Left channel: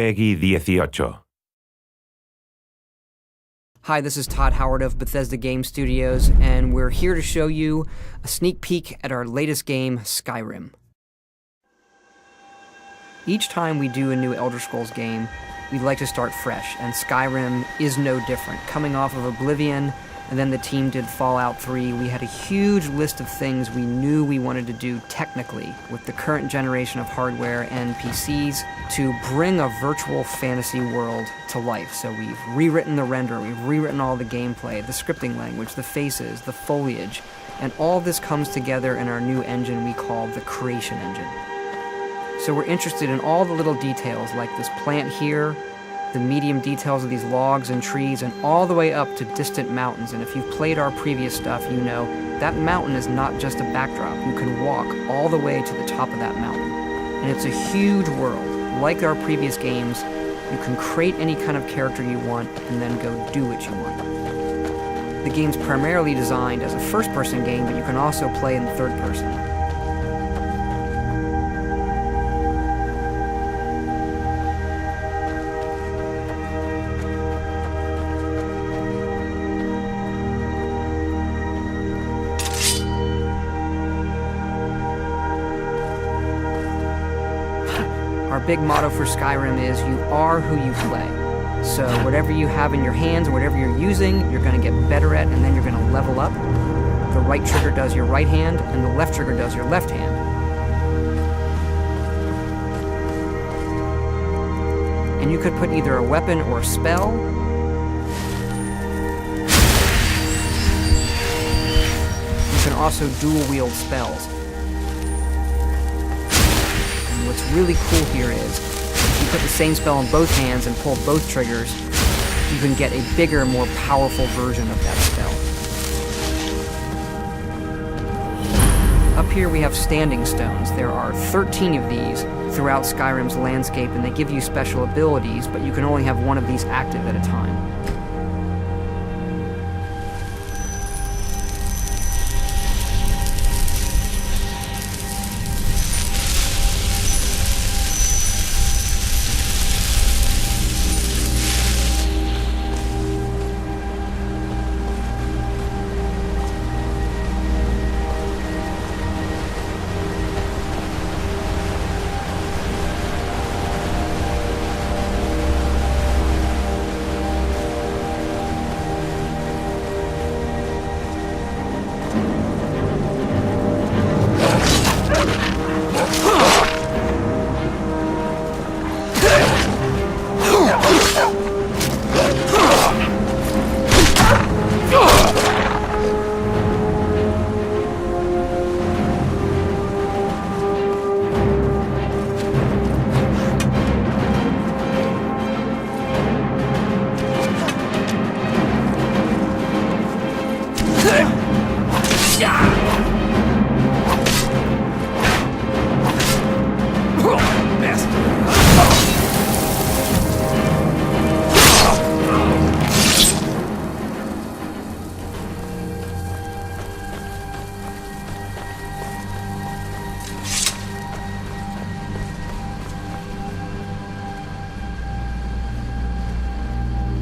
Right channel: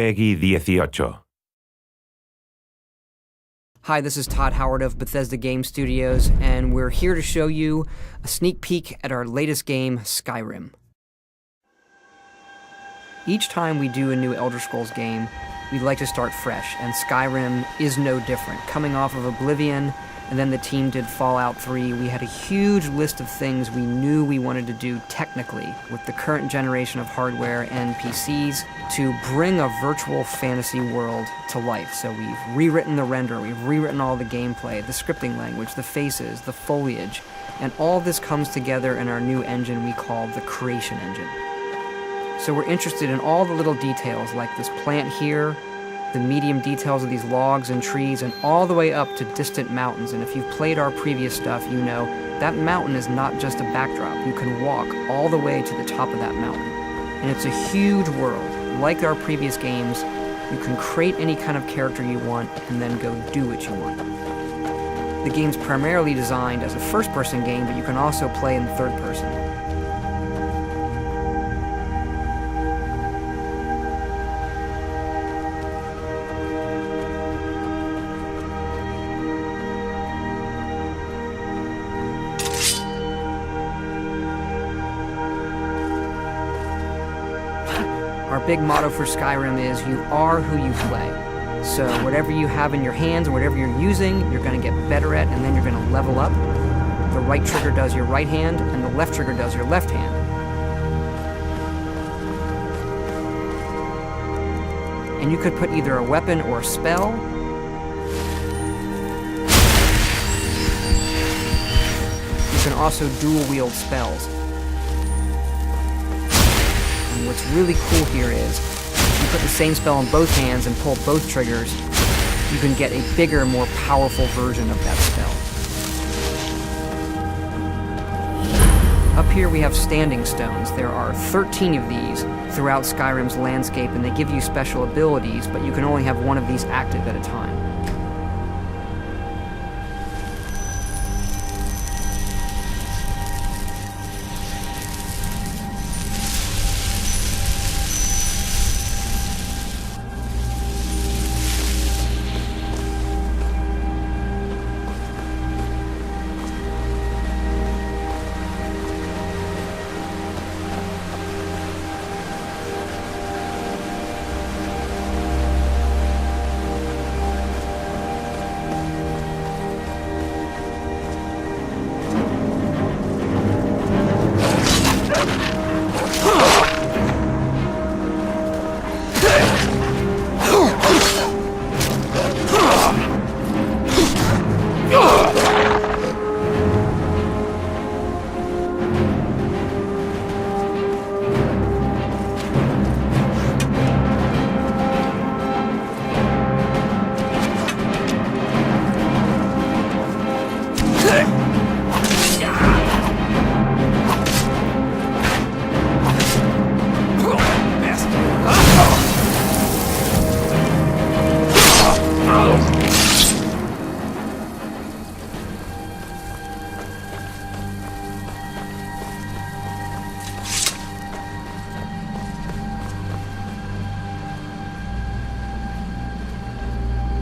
Peggy 18. Hi, this is Todd Howard of Bethesda Game Studios, and we're here to show you a sneak peek at our latest game, Skyrim. Each time we do a new Elder Scrolls game, we'd like to start fresh, and Skyrim is no different. Coming off of Oblivion, and then the team did Fallout 3, we had a huge list of things we knew we wanted to do technically with the current generation of hardware and PCs to bring a virtual fantasy world to life. So we've rewritten the render, we've rewritten all the gameplay, the scripting language, the faces, the foliage, and all this comes together in our new engine we call the Creation Engine. So we're interested in all the little details like this plant here, the medium details of these logs and trees, and all the way up to distant mountains. And if you've played our previous stuff, you know that mountain is not just a backdrop. You can walk all the way to the top of that mountain. And it's a huge world. Like our previous games, you can create any kind of character you want and then go do what you want. The game's primarily designed as a first-person game, but you can also play in third person. Our big motto for Skyrim is, you are who you play. So whatever you have in your hands, whatever you're using, you're going to get better at, and then you're going to level up. The right trigger does your right hand, and the left trigger does your left hand. And you could put either a weapon or a spell. You can also dual-wield spells. What's really cool here is, if you put the same spell in both hands and pull both triggers, you can get a bigger, more powerful version of that spell. Up here we have standing stones. There are 13 of these throughout Skyrim's landscape, and they give you special abilities, but you can only have one of these active at a time.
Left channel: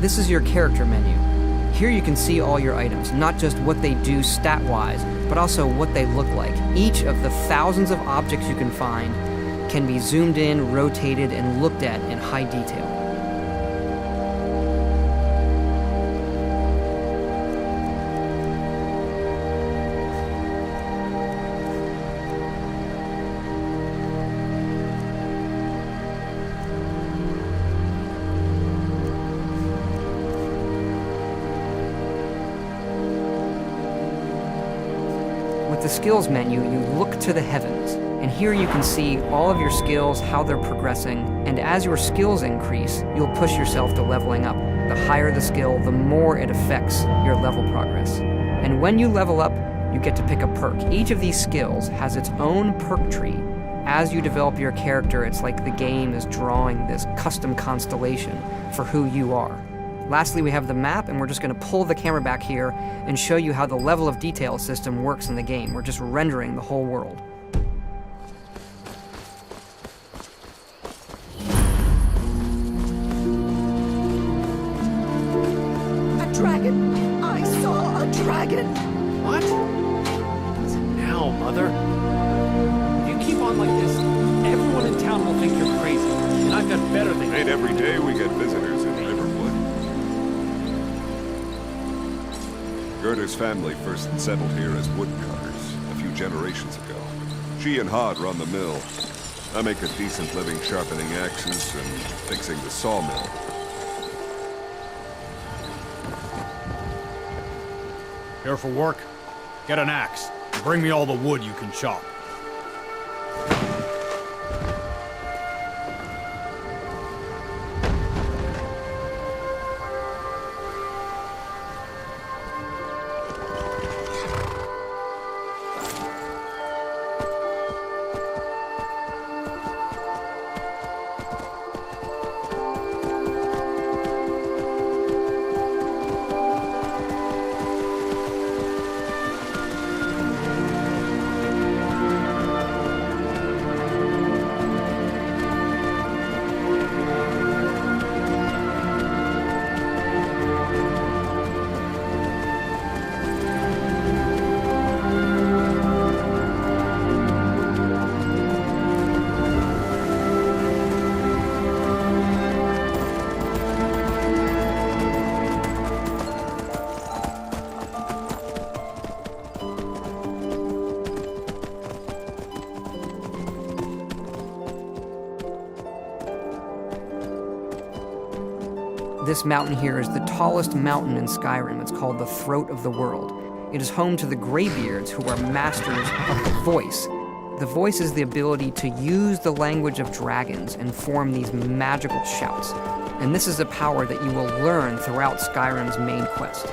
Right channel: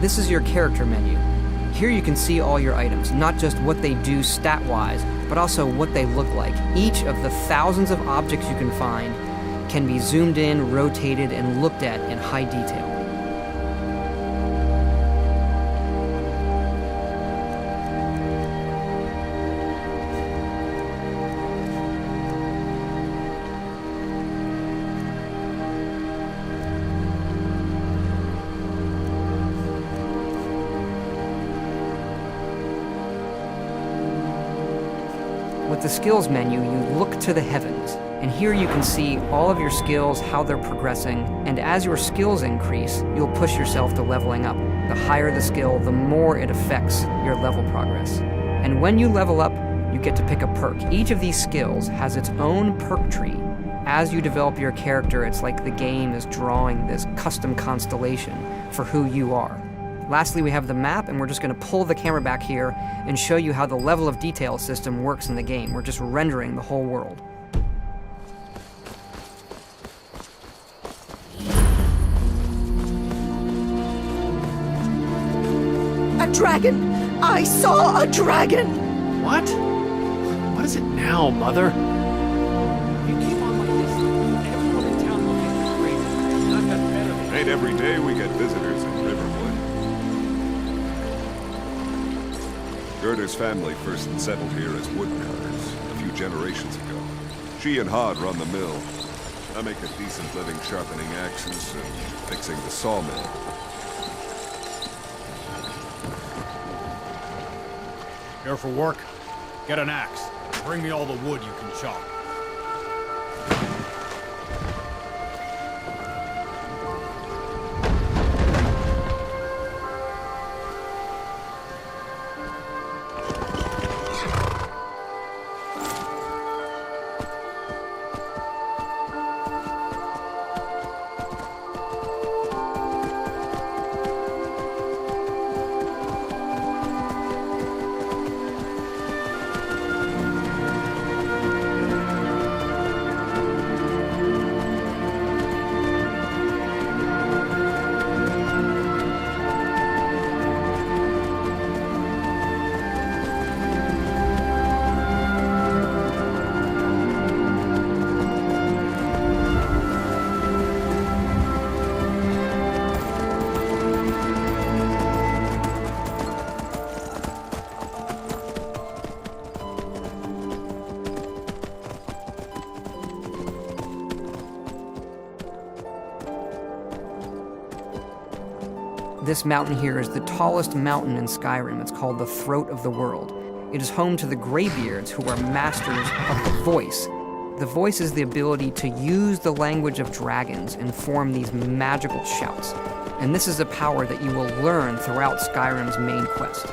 This is your character menu. Here you can see all your items, not just what they do stat-wise, but also what they look like. Each of the thousands of objects you can find can be zoomed in, rotated, and looked at in high detail. With the skills menu, you look to the heavens, and here you can see all of your skills, how they're progressing, and as your skills increase, you'll push yourself to leveling up. The higher the skill, the more it affects your level progress. And when you level up, you get to pick a perk. Each of these skills has its own perk tree. As you develop your character, it's like the game is drawing this custom constellation for who you are. Lastly, we have the map, and we're just going to pull the camera back here and show you how the level of detail system works in the game. We're just rendering the whole world. dragon! I saw a dragon! What? What is it now, Mother? Ain't every day we get visitors in Riverwood. Gerda's family first settled here as woodcutters a few generations ago. She and Hod run the mill. I make a decent living sharpening axes and fixing the sawmill. Here for work? Get an axe. And bring me all the wood you can chop. This mountain here is the tallest mountain in Skyrim. It's called the Throat of the World. It is home to the Greybeards, who are masters of the voice. The voice is the ability to use the language of dragons and form these magical shouts. And this is a power that you will learn throughout Skyrim's main quest.